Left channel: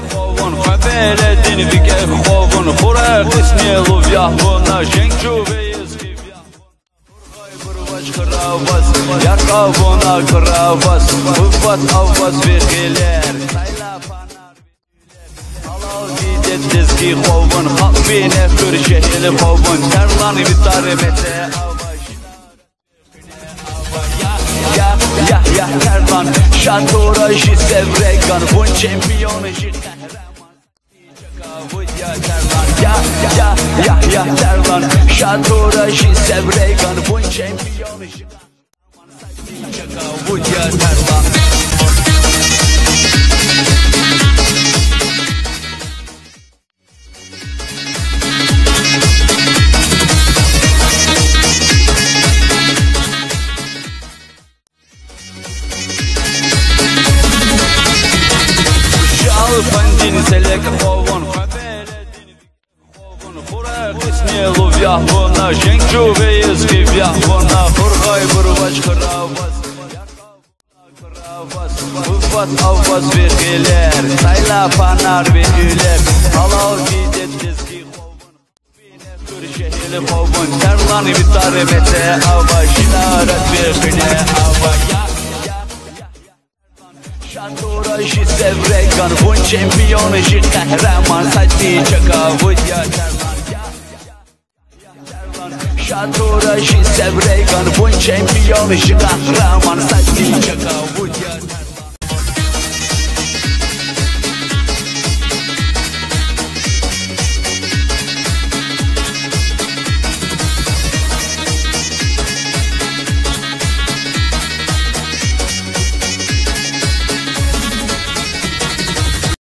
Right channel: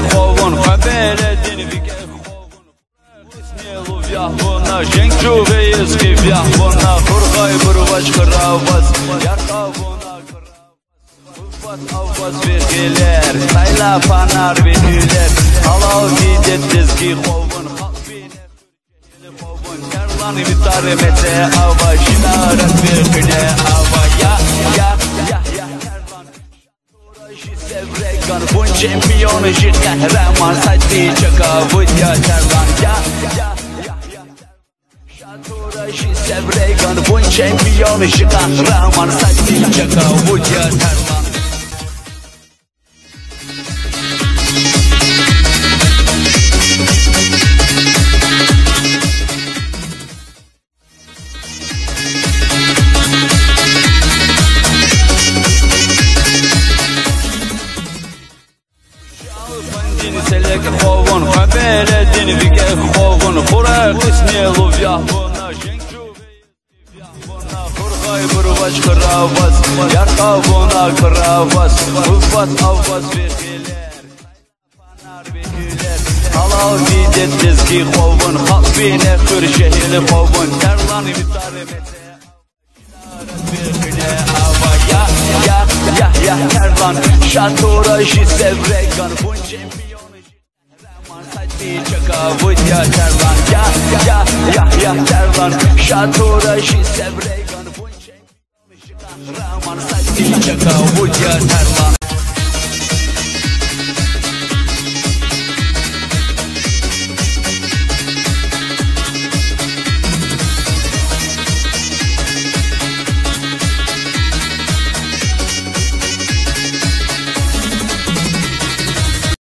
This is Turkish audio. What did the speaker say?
خوون خبر دین ویگه خوون خوره قسمی لوبیا ونا جنگجو ویز کی بیا ونا خورخای برواش خراواس یار خونا خراواس ufat avvaz vergiler sayla panar venüler Halal gidettez ki kovun Halbine kırşehli kovun Terlan vitare mete ava Şinaret vergine ava Ya terlan Şatora jı sevregan Bun çempiyonu jı kahraman Saddi çaka vudya terlan Ya terlan Şatora jı sevregan Bun çempiyonu jı kahraman Saddi çaka vudya terlan Pandini selek kovun Habere dini vige kovun Kura kısmi luvya vona Jengju veyiz kivya vona Kurgay burvaş kıravaz Yarka vona kıravaz Ufat avvaz vergiler Sayla panar venüler Halal gidettez ki kovun Halbine kırşehli kovun Terlan vitare mete ava Şinaret vergine ava Ya terlan Şatora jı sevregan Bun çempiyonu jı kahraman Saddi çaka vudya terlan Ya terlan Şatora jı sevregan Bun çempiyonu jı kahraman Saddi çaka vudya terlan